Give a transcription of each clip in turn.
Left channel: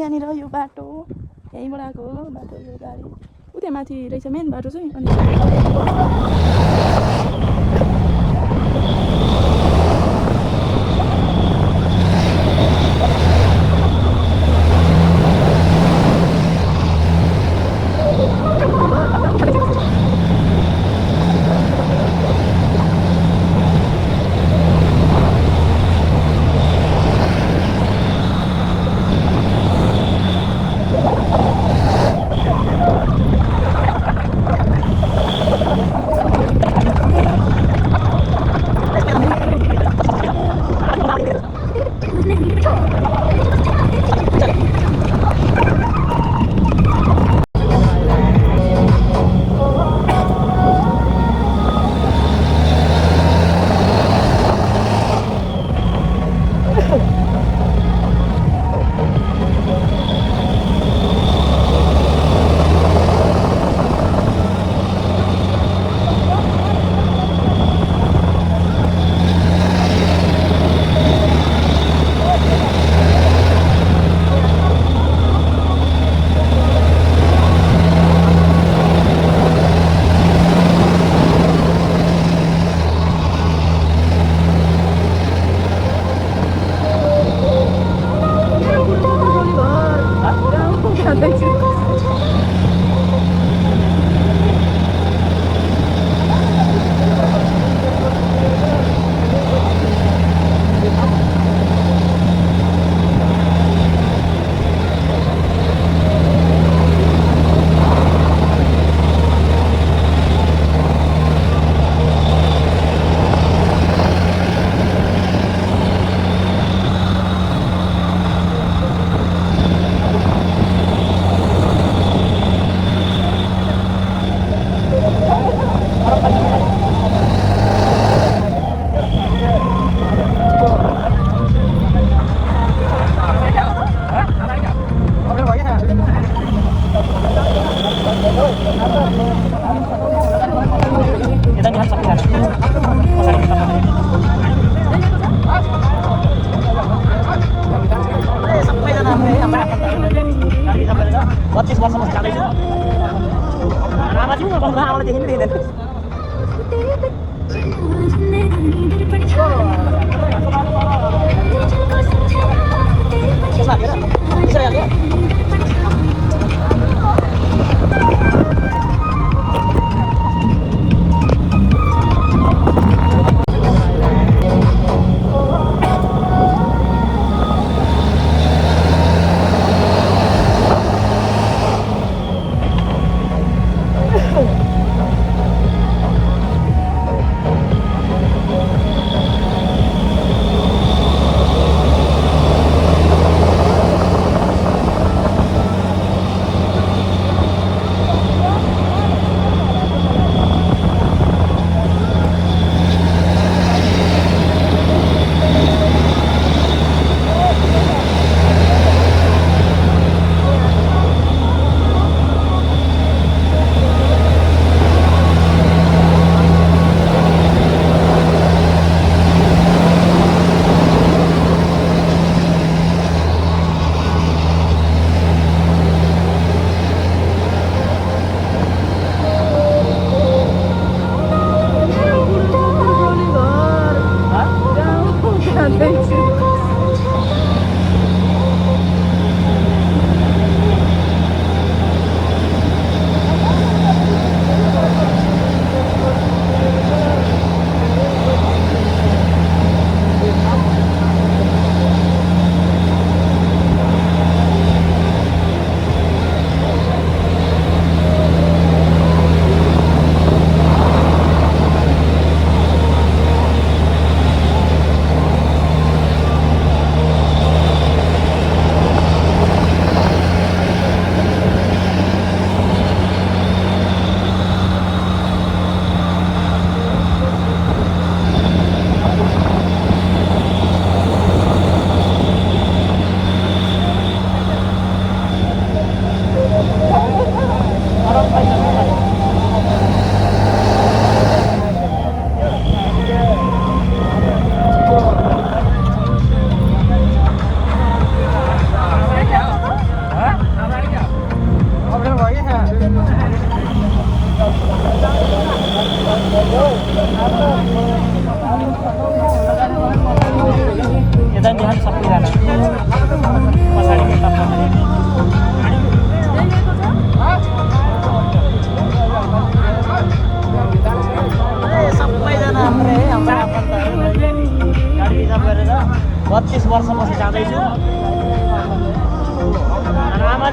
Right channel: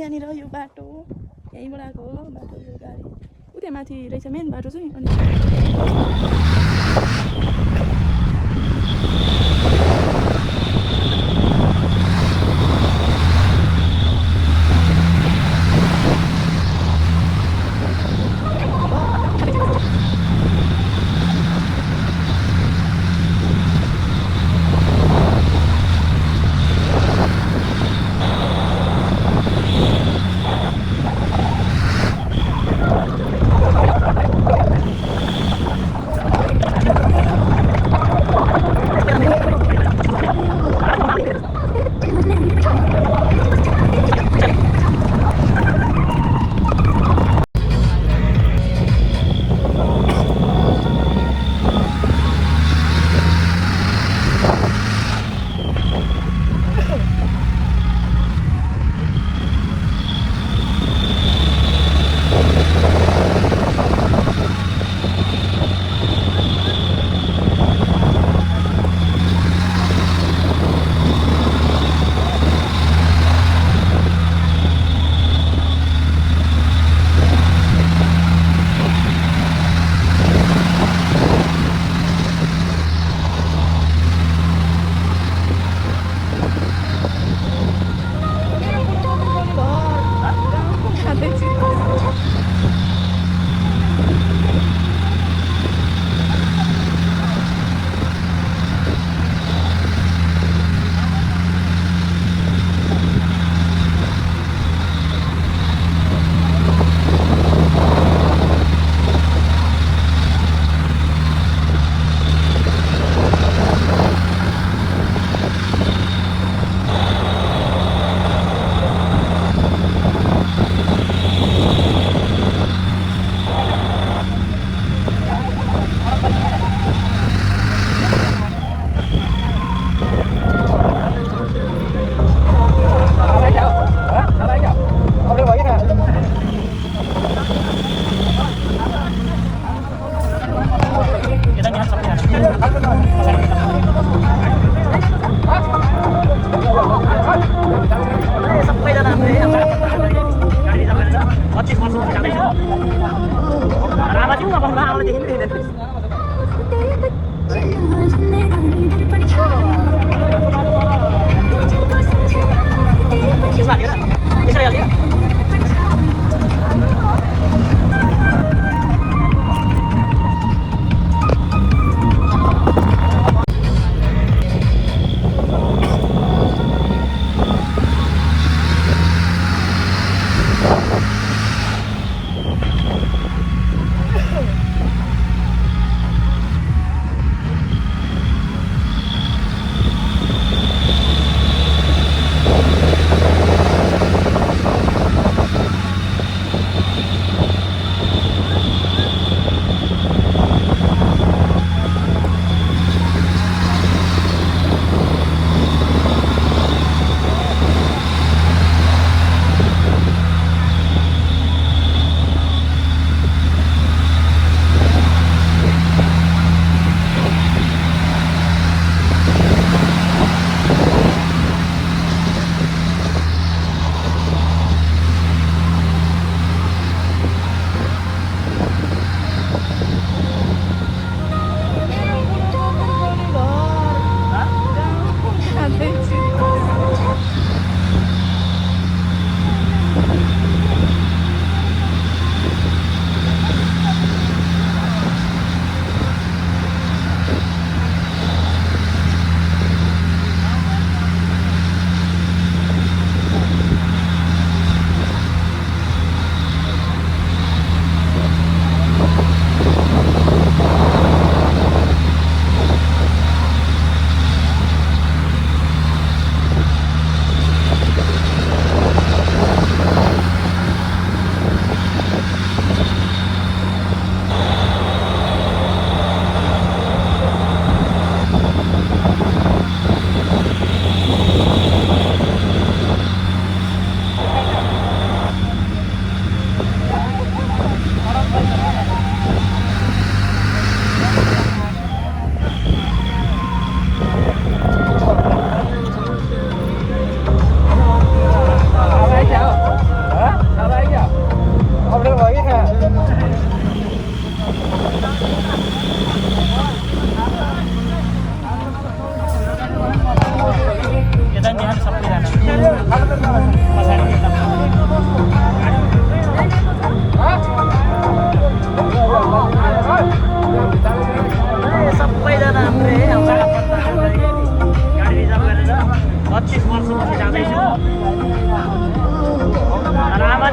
यहाँनिर यो बाटो यहीँबाट आएको हो बाटो यो गाडी उता माथि रहेछ मेन बाटो चाहिँ अनि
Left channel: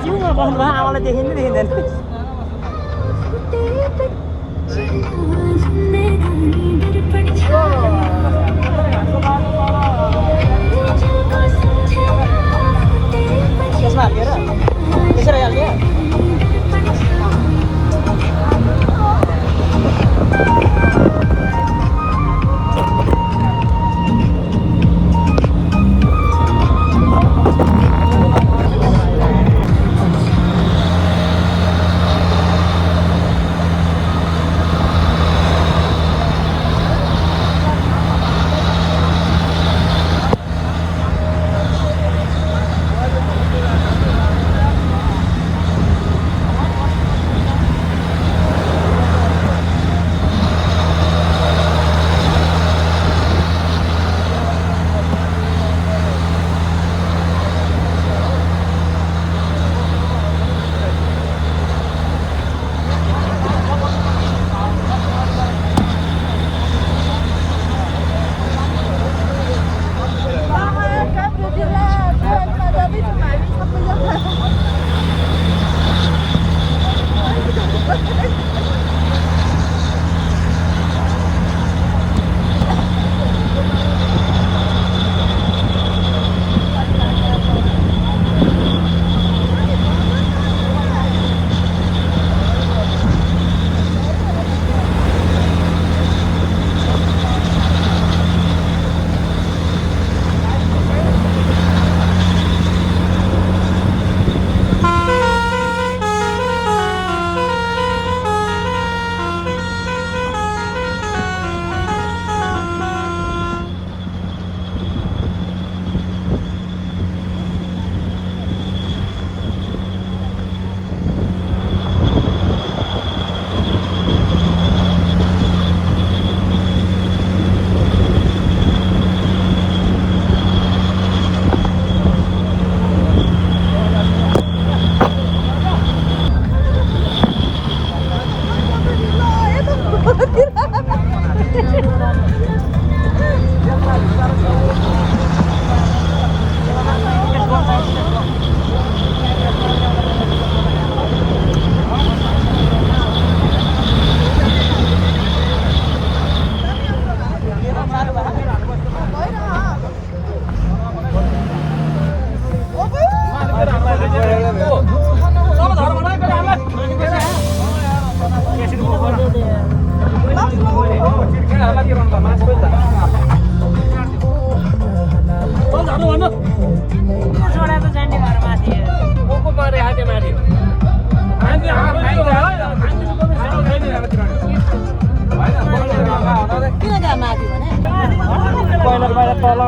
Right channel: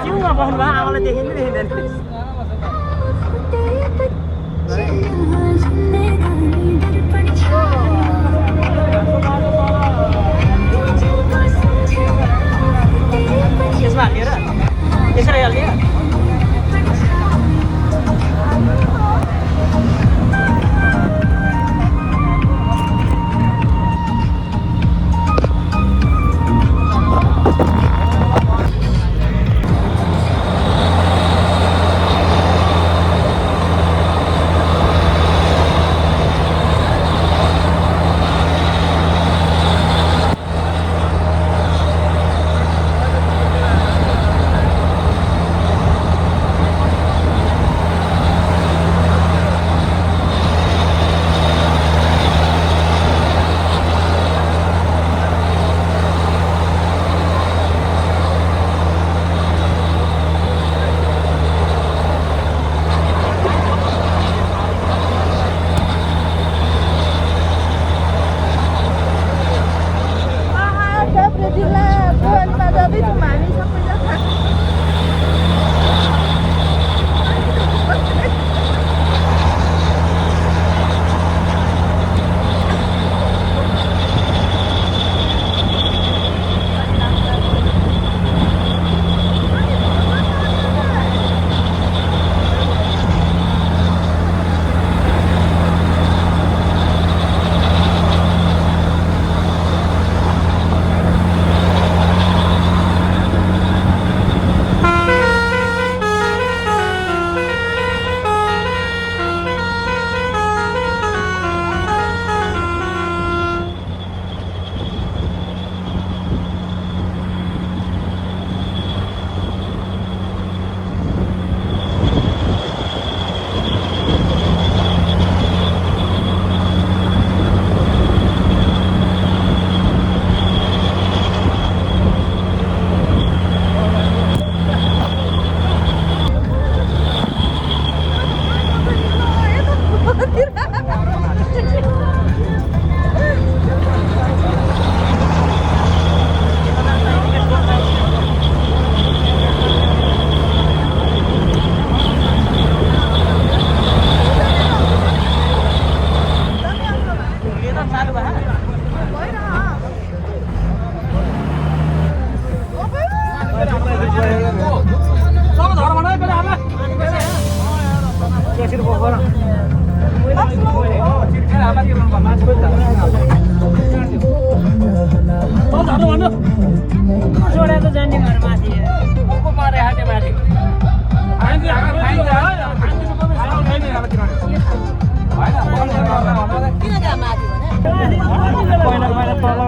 छेउमा बस्नु भयो आमालाई देखिँदै देखिँदैन यसमा हालिएर यसरी हालिदियो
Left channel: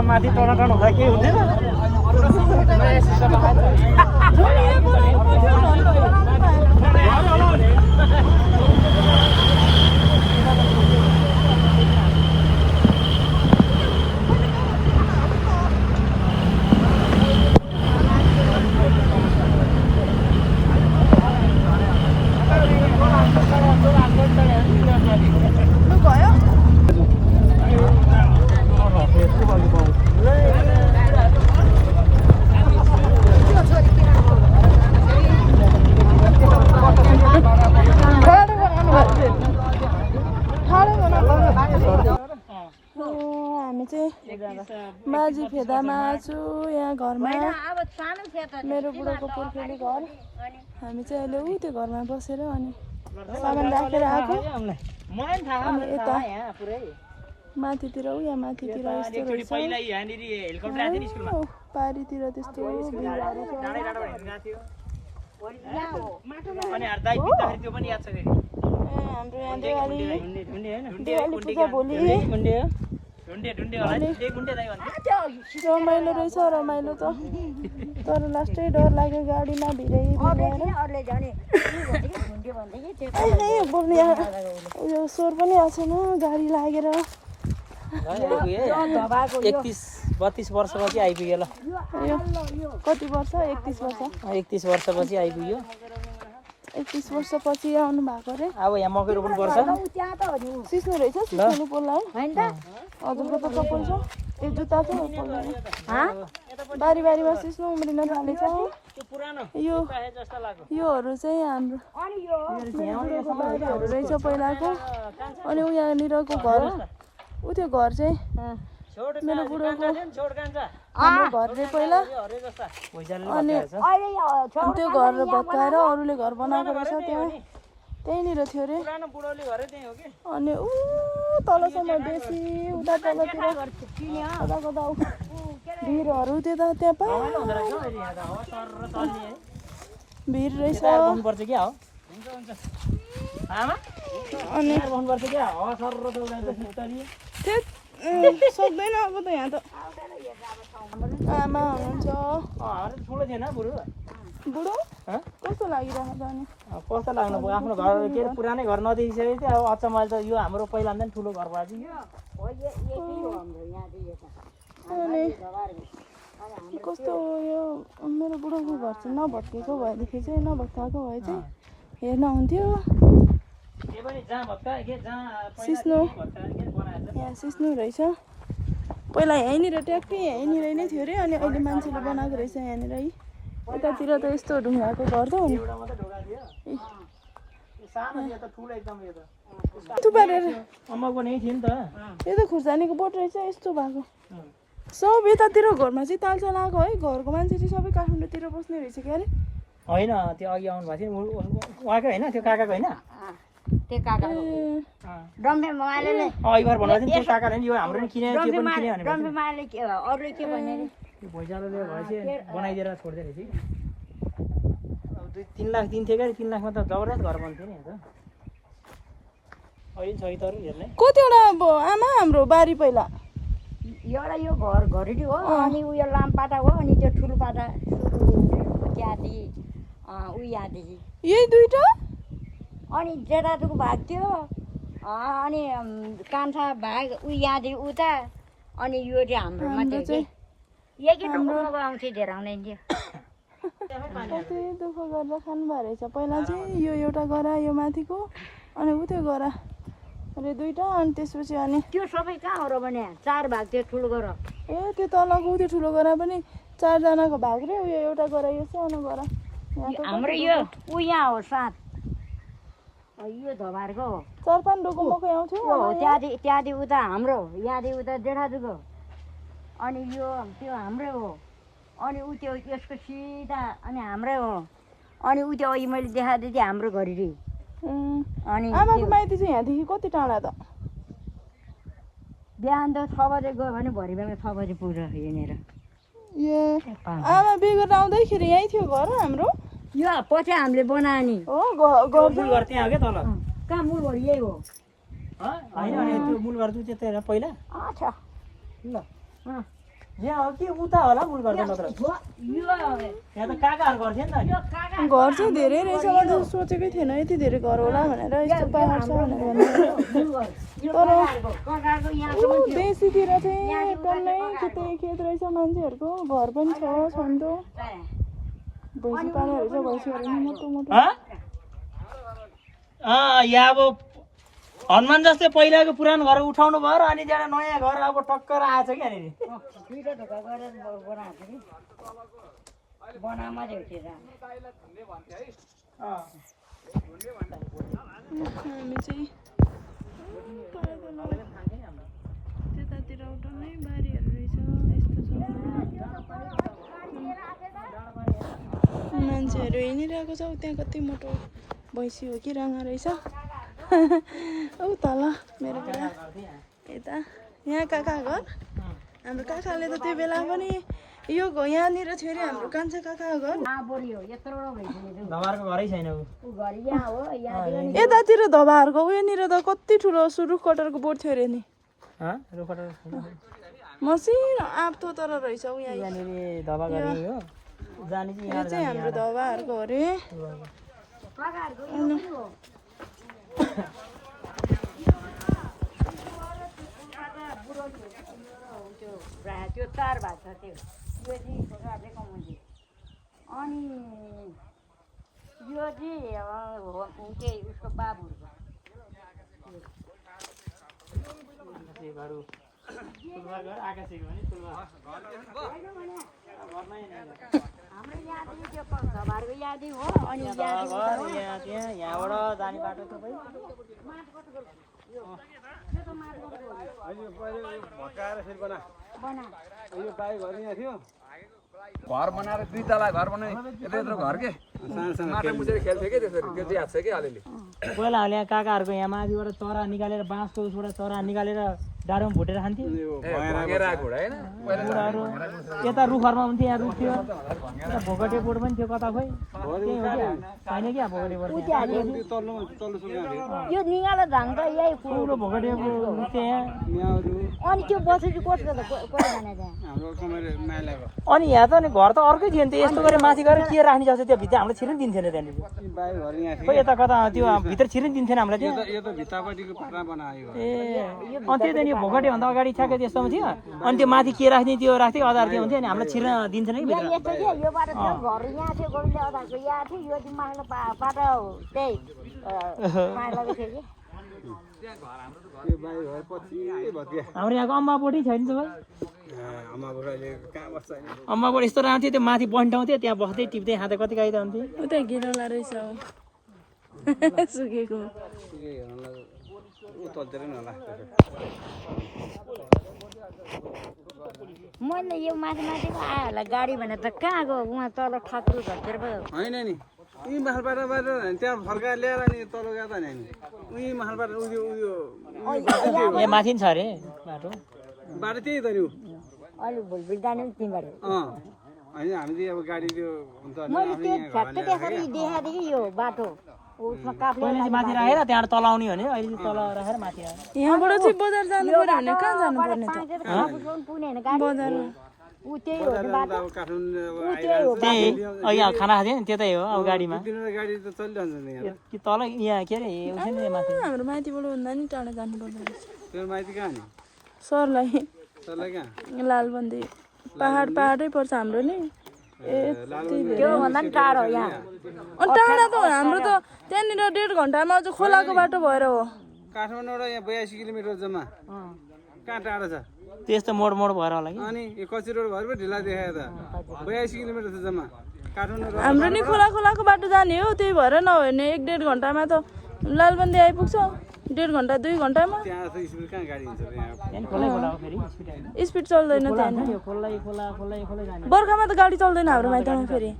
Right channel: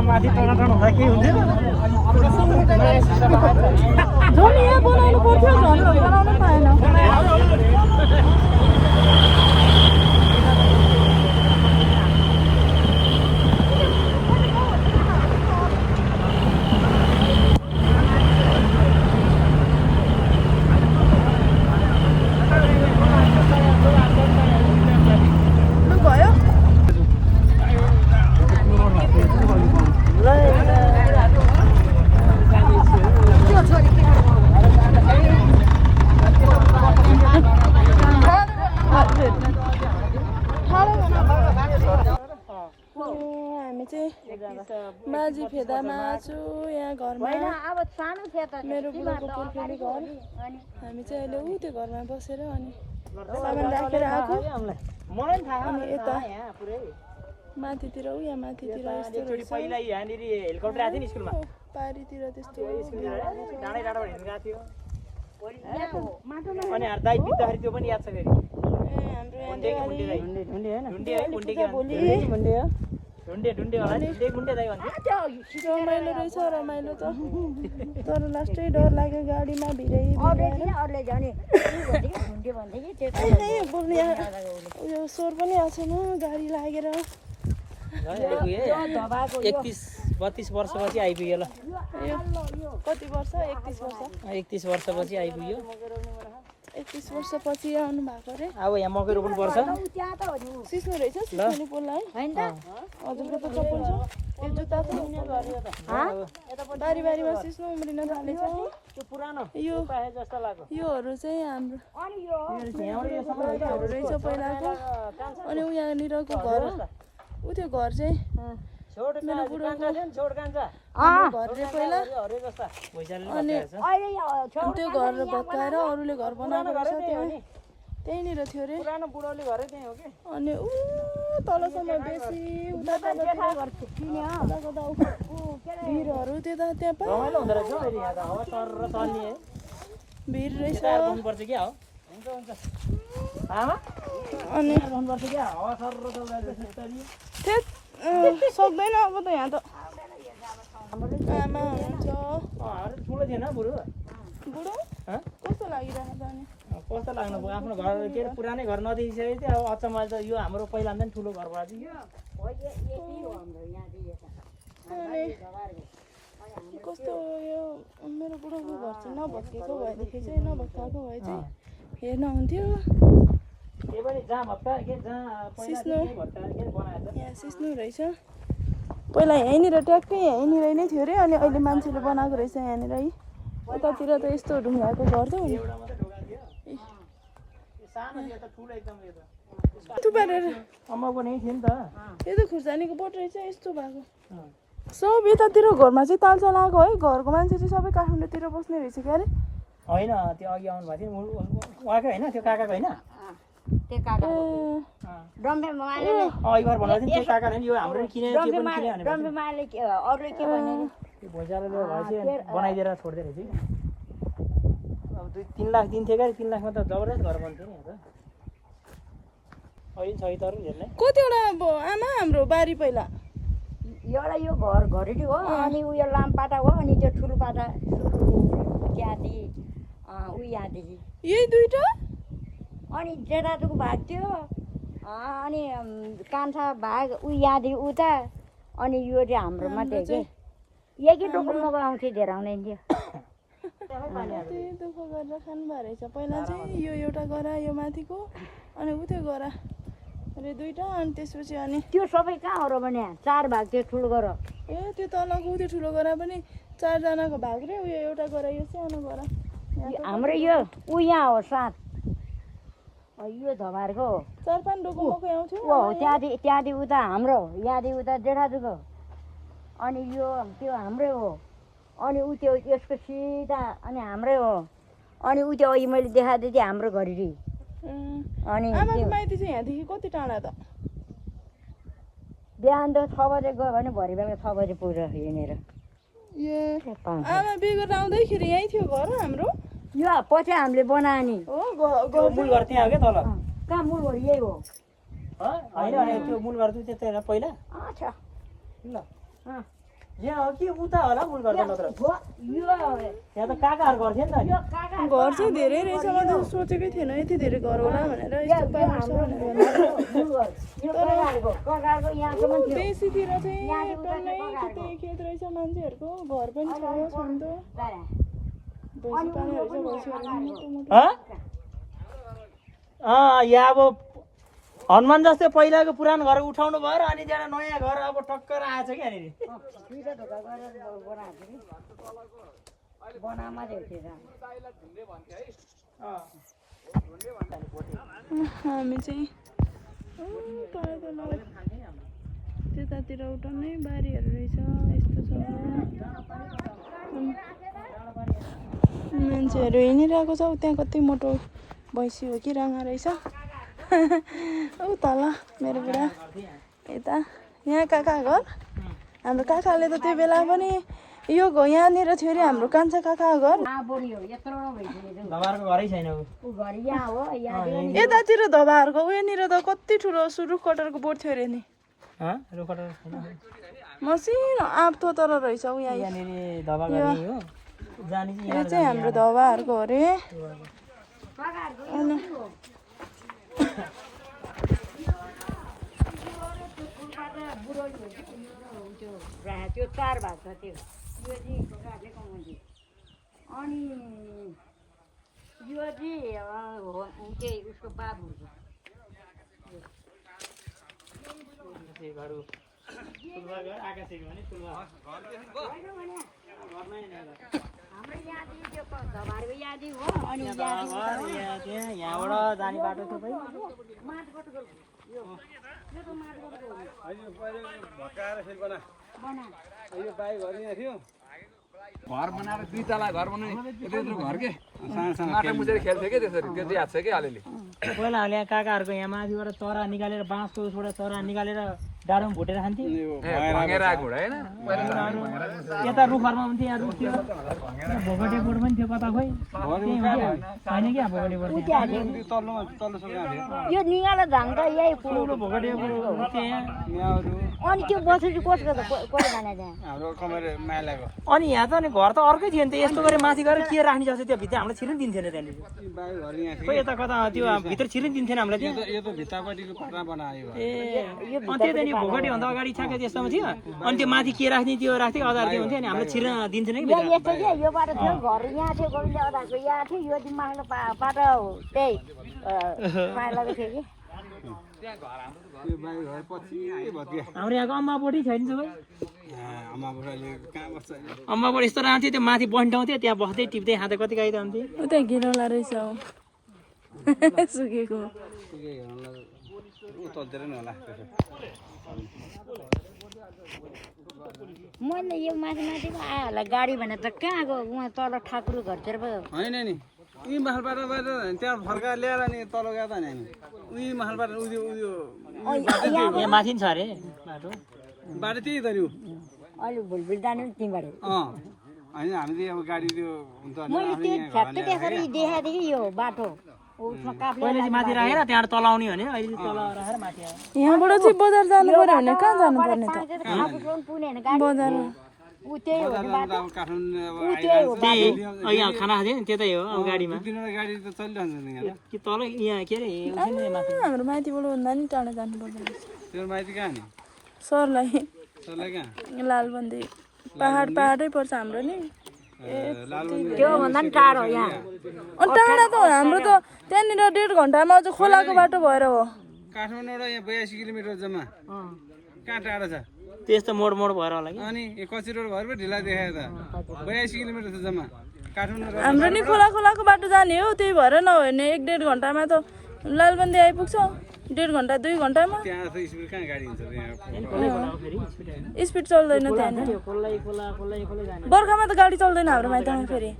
माथि टनाटन हुँदा केही हुँदैन माझी फेदामा छु यहाँ घरमा मेरो बुढाको पुर्खेली घर हामी चाहिँ अहिले ऊ त्यो घरमा बसेर अनि सामान राखेर आएको अनि यता माथितिर ऊ यहाँ माथितिर यस्तो रहेछ पारीतिर त्यस्तो हाम्रो यहाँ देवाली पूजा भोलि रमाइलो रहेछ रमाइलो त तर लास्टै डर लाग्यो गाडीमा भिरै बोल्ने उयो स्वर पनि आएको छैन गाडी लागेर 31-32 वर्षपछि आइपुग्यो ल कति वर्ष 31 वर्षपछि आइपुग्यो 31 वर्षपछि आउनु भएको रे अब यहाँ मकै रोप्नु पर्छ सिस्नो रहेछ सिस्नो पोल्ला है हजुरको त चप्पल छ त्यो जुत्ता छ बारी बारीमा सिस्नो उम्रिन थालेछ त्यो पुरानो यो काहे जस्तो लाग्यो योहरू चाहिँ हाम्रो बुढोको भाइहरू रहेछ पहिलाको अनि यहाँनिरको घर ऊ त्यो घर चाहिँ मेरो बुढोको हाम्रो घर चाहिँ पहिला अनि त्यो घर भत्काएर अरूले घर बनाएको रहेछ त्यहीँनिर थियो अरे अनि ऊ तलसम्म बेसी उता तलतिर कता कता भिरहरू त्यता त्यहाँ पा भिर रहेछ अनि सक्दैन अब त यहाँ त आमा हुनुहुन्छ ठुलो थिएन बुढो बुढो कस्तो लागिरहेको छ अनि कस्तो लाग्नु भयो आफ्नो घर के अरे पुरानै घर नदेखिसकेको थियो अब अचम्म अहिले त यो हाम्रो पहिला पनि ठुलो घर भएको अनि कस्तो यो मेरो बुढोको घर चाहिँ नभत्केको भएदेखि चाहिँ नभत्काएको भए चाहिँ हेर्न हुन्थ्यो सिस्नो यहाँ सिस्नो रहेछ पहिला यहीँनिर ट्याक्कै यहीँनिर नै थियो अरे अनि अहिले मान्छेले बनाएको रहेछ यहाँनिर है यतातिर त यस्तो ढुङ्गाको घर त हो नि थुपारेर यो त खुर्सानीको बोट रहेछ यस्तो भएको सब यतातिर घरमा चाहिँ तालचा लगाएको है घरको मान्छे चाहिँ सबै काठमाडौँतिर बस्ने रहेछ क्या अरे होइन त्यो अघि आउनु भएको थियो उहाँकै होइन त्यो काकाको होइन भैँचालोले भएपछि बनाइदिएर छोड्दै रहेछ अब 2-3 लाख दिन्थ्यो क्या 3 लाखमा त जबरजस्त घर बन्थ्यो नि अन्त अहिले छ तर हेर्ने कतिवटा अब आमा हाम्रो बारी पहिला एउटा यो घर घरेटी हो अनि उयो लामपाटा हो अनि त्यो ठुलो पाटा त्यहाँदेखि यहाँदेखि यही दुईटा अनि जेठाजुको भाग थियो अनि कान्छा भाग यहाँदेखि उता अनि यो चाहिँ हाम्रोमा थियो कि यही ढुङ्गामा आउँथ्यो धेरै आउँदैन थियो कति दुःख गरेर खानुभएको रहेछ पहिला चाहिँ यो एउटा गरा यो माथिको अनि उ त्यो गरा अरे दुईटा अनि त्यसपछि अनि त्यो सबै कहाँ हो र भने 4 भाग थियो ठुलो गरा ए त्यो तलको त्यो ठुलो गरा पनि 4जनाको भाग रे उयो एउटा गरा यो सानो गरा हाम्रो यो यहाँ हो 7 यो धबारको हो 4-5 डोको मकै आउँथ्यो त्यहाँदेखि उता हाम्रो यहाँदेखि उता जेठाजुको अनि यो त्यो हाम्रै हो अनि उ त्यो यसको सिधा अनि हाम्रै हो अनि उ त्यो अघि मैले देखाएको थिएँ हाम्रो घरेटी अनि आमाको माइती चाहिँ यहाँदेखि कति टाढा त बिहान त 6 बजे गयो भने भरि बेला 6 बजे पुग्छ यहाँनिर ए आमा बिहे गरेर आउँदैखेरि यहीँ थियो घर हाम्रो यो पछि हामीले बनायो नि हो घर त्यहाँ हो क्या तल कहाँ मूलघर यही हो होइन त्यो मूल घर त्यता पहिला अच्छा ल यहाँ हो कि उता होला मूल घर मात्र यहाँ त काकाहरू घर थियो नि त घर चाहिँ धेरै रहेछ मैले सोचेकै थिएन यति धेरै घर होला भनेर यस्तो पाहाड छ भनेर तर बेसीतिर चाहिँ टन्नै खेतै खेत रहेछ मान्छेहरूको घर पनि छ छन्तो भैँसी पाल्ने रहेछ भैँसीहरू मोटो मोटो यहाँ अब हनुमान जस्तै पहिलाको पुरानो घर उठाउनु भयो र अनि त्यहाँ नयाँ घर अब टक्कर आएछ कि यहाँनिर हामी चाहिँ त्यतातिर उठाउनै बारीहरू रहेछ यस्तो छ मान्छेहरू हिँडिरहेको छ त्यहाँ कति मोटो भैँसी हो कि राँगा रहेछ ऊ तल मेरो बुढा यता यहाँ काका घर हाम्रो काकाले त त्यो बेला पनि यो यहाँनिर थियो अरे हाम्रो कान्छा काका घर यतातिर धबाहरूको उयोनिर त कति ठुलो रुख कटरको बोट थियो अरे नि मसिनो आँप तर रहेछ ऊ यहाँ यो चाहिँ हाम्रो धबाहरूको अरे त्यो 4 भाग छ त्यो राखेको मैले अनि यो चाहिँ उसको बाबुहरूको हाम्रो यहाँदेखि त्यो धबारको यहाँदेखि हो अनि यहाँबाट जाने बाटो सबै घर बनाएर 2 तला घर बनाए यत्रो यत्रो घर के माटो मुछेर खेल्थे के त्यसरी त्यो याद छ कि अलिअलि पहिला यहाँ काकाहरूको यहाँ माथिबाट चरा निकालेर बाँसको उसबाट चरा निकालेर डाँडोमा भुटेर खान्थ्यो भँगेर आएको हुँडा हैन यता रुखहरूमा हुन्थ्यो यहाँ रुख थियो भोगटे बोट पनि थियो कता खोइ त्यही हो क्या छैन क्या भोगटे बोट यो निगालो धान त यही ठुलो भोगटे बोट थियो यहाँ अनि त्यो बस्नु चाहिँ कसको कसले खाने त्यहाँ अनि यहाँ त अनि घर त अर्कै थियो नि त यस्तो गरेर माथि गएर के राख्ने जस्तो त्यो भित्र हामीलाई छिर्नु दिन्थेन त्यहाँनिर खोइ यता कता त्यो भित्र छिर्नु दिन्थेन हामीलाई त्यो यो त भित्तापट्टिको पाटा बनायो ए अनि त्यो त नि भोगटे भन्दा अगाडि ठ्याक्कै त्यस्तोमा थियो अनि त्यो माथि के राख्ने त्यो राख्थ्यो अदार त्यो हुन्थ्यो नि हामीलाई छिर्न दिन्थेन कि भित्र यस्तो थियो यो बाटो थियो घर यहाँ थियो गोविन्द अदाको यहाँ थियो यो माग्न बाटो त्यही माग्नको थियो कि त्यो बाई घर पछि भत्या हाम्रो यहाँको अम्बाबोटी छैन सबै आमाबाट अहिले कहाँ बस्छ अहिले अम्बाबोट यस्तो राख्थ्यो त्यो माथि बन्ठाउँथ्यो त्यहाँ बस्दै टिप्दै खाँदै कति गाई त हुन्थ्यो उता गिरौला रहेछ सुकेको सुके हेर्नलाई ऊ तल्तिर नि होला त्यसो मैले यो माथि माथिको आयो होला गाडी भनेर त कहाँ गयो उहाँ तल ठाकुर घरतिर पो होइन नि उही महलबाट त्यहाँ फर्काएर ल्याएर अनि तल गएको त नि उही महलबाट उयो उयो ए माथि नि छ अरे बाटो बाटो त्यही त नि ऊ अहिले भुलभुल जाने नि त्यहीँबाट होइन हामी चाहिँ अब गाडी त्यो हुन्छ मैले त्यो ठ्याक्कै त्यसरी देखाएको थिएँ कि यो बाटो उसमा काफ्ले पहिला चाहिँ माथि राखेर त्यहाँबाट तल आउने भने अहिले चाहिँ तल राखेर माथि आउने यहाँबाट चाहिँ बजार जानु पर्यो भने कहाँ जानु पर्ने त पुग्ने होइन गाडी बजार ऊ त्यही हो कि बाटो अब काठमाडौँ त्यही हो त्यही यहाँ खाना खाँथ्यो नि त्यतै हो अब गाडीमा तिनीहरू गाडी त चलिरहन्छ नि यहाँ कि तल यहाँ के अरे माथि हाम्रो माथिबाट भन्दा नि टाढा जानु पर्दो रहेछ त्यो माइती कहाँ नि सरलाई सरलाई कहाँ लालबन्दी पहाडै पर्छ हाम्रो नि त्योभन्दा पनि टाढो यहाँ अनि टाढा त हो हाम्रो त त्यहाँनिर 1.5 घन्टामा अझ खोलाको बाटो भएर हो काठमाडौँबाट यहाँ 82 किलोमिटर जम्मा कहाँ टाढो छ त्यस्तो मोड मोड भएर होला कि अनि यो कच्ची रोड भएर पो ढिला देखायो त 82 किलोमिटर छ जम्मा काठमाडौँ हाम्रो नि खोलाको बाटो जाने हो त्यही भएर नभए भने 1.5 घन्टामा त लालबन्दी आइपुग्छ 1.5 घन्टा 2 घन्टामा त्यहाँ त स्पिड कहाँ गाडी हुन्छ त्यहाँ स्पिड चल्दैन त्यहाँ बर्खामा त गाडी चल्दैन हाम्रो माइतमा फेरि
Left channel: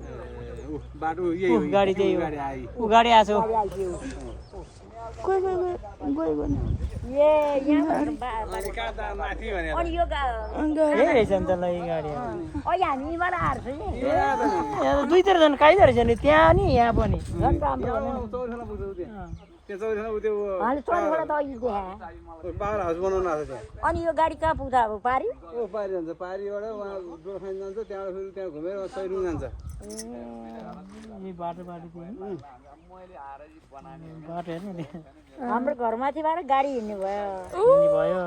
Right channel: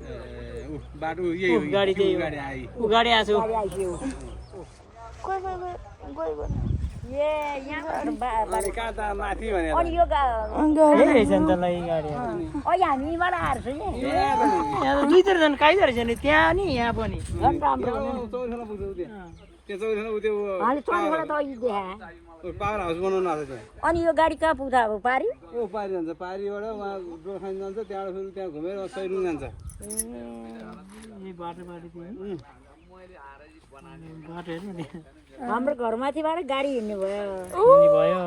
बाटो यही हो गाडी त्यही गाडी आयो ऊ गाडी आएको कहाँ त माथि भने अनि यो यही रहेछ नि त ल यी गाडी अहिले हामी यहीँबाट आएको छु नि यहाँ दुईतिर जानु काहीँ रहेछ नि त्यहाँ नि यहाँ पनि चौरखोला पुग्छ उ त्यो चौरखोला उ त्यो हामीले चौरबाट त अघि देखाएँ पावर हाउस बनाउनु आएको त्यहाँ अनि यो गाडी कहाँ पुग्छ अब पारी ऊ पारी जान्छ पारीबाट उहाँ गोर्खान जान्छ त्यहाँबाट फेरि त्यहाँ घुमेर सैरुङ जान्छ यही बाटो बाटो हेर्नु नि हाम्रो घरमाथिबाट गाडी हिँड्ने भयो भयो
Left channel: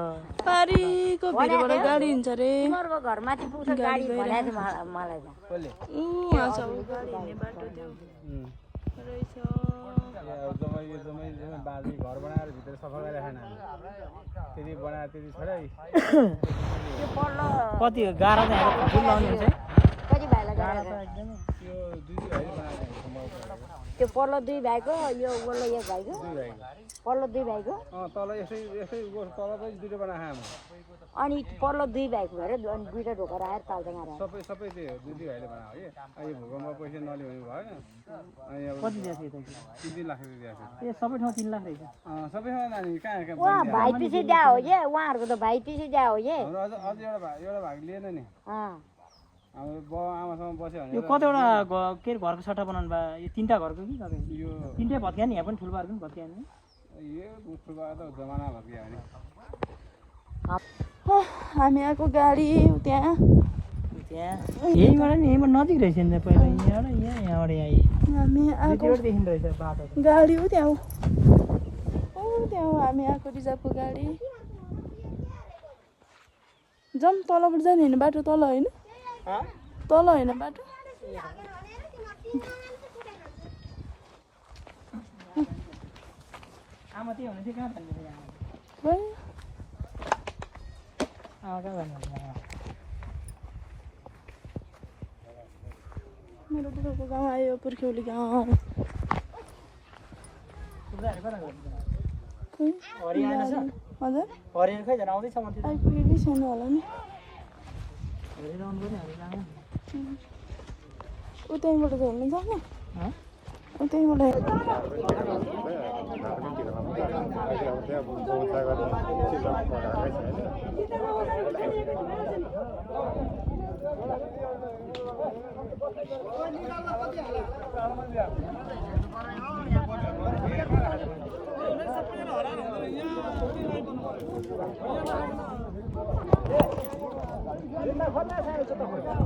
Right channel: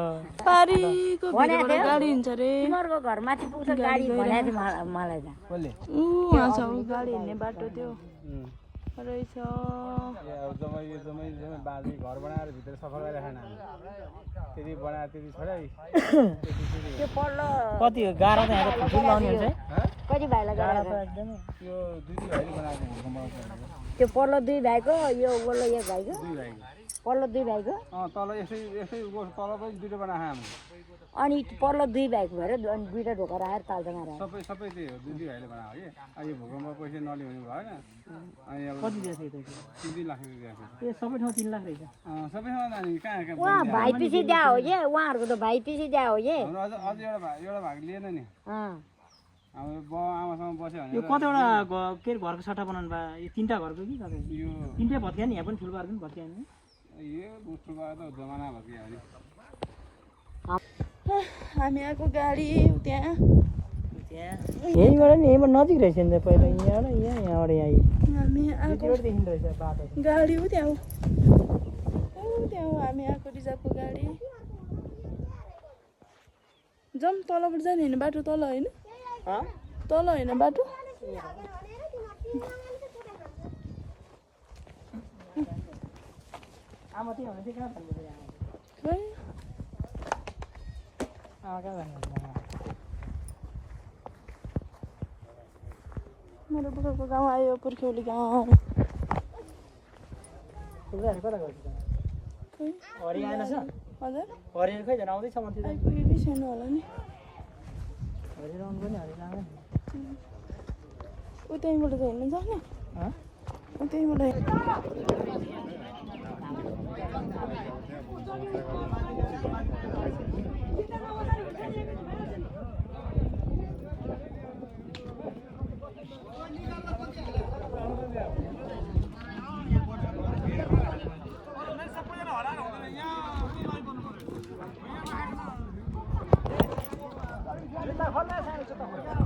पारीको भिरबाट गाडी हिँड्छ रे तिमीहरूको घरमाथि पुग्छ गाडी भनेको थियो मलाई त उहाँ छ ऊ गाडी हिँड्ने बाटो त्यो रहेछ जम्मै बाँधी घर बनाएर भित्र सफा गरेर खान त्यति बनाएर त्यति छोडै कति हो गाह्रो त यहाँ फुल लाउनु हुन्छ कति भाइलाई गाडी त्यो दुई भाइले बनाएको त्यो पल्लो 2 भाइको यो वल्लो 1 भाइको दुई भाइको पल्लो 2 भाइको तल यसै तल पनि दुइटा बनाएको हामी अनि पल्लो 2 भाइको भएर अनि 2टा ढोका राखेर तालसँग राखेर सबै त्यही हो दुई भाइले बनाएको है यो भूकम्प पैसा नल्याउनु भएन अनि अब कति दिएको थियो 3 लाख रुपियाँ दिएको ए सबै ठाउँ 3 लाख रहेछ सबै ठाउँ नानी कहाँ उहाँ भाइ पछि दिया हो ये उहाँहरूको त भाइ पछि दिया हो ये हाम्रो अझ एउटा भाग लिएन नि हाम्रो बाउ आमासँग बस्यो भने यो कतिवटा के अरे घरको सट्टा बनाउनु भयो यो 3टा घरको कि कतै यो 3टै भत्क्या नि यहाँ पनि ठुलो पनि भत्क्या नि यो मुखबाट त जमाना भत्क्यो भने हामी आएको गाडी त्यहाँ यहीँबाट नि यहीँबाट नजिक रहेछ नि त पहिला यहाँबाट आइ हामी आएको देखिँदो रहेछ बाटो गाडी हो त्यहाँ त्यहाँ हो हामी आएको रिजर्भको गाडी जाउँ तलबाट जाने होइन बाटो तल होइन तल होइन बाटो आमा त्यही हुने चाहिँ कहाँ जानु खै आमा कहाँ जानु दुःखको गाउँ आयो पुर्ख्यौली गाउँ हरियाणा छ हजुर हरियाणा खै झन् आउँदैछ भन्थ्यो आइपुगेकै छैन होला नि हरियाणा पनि हरियाणा उतैबाट त हेर्नु सक्ने उतैबाट खल्ला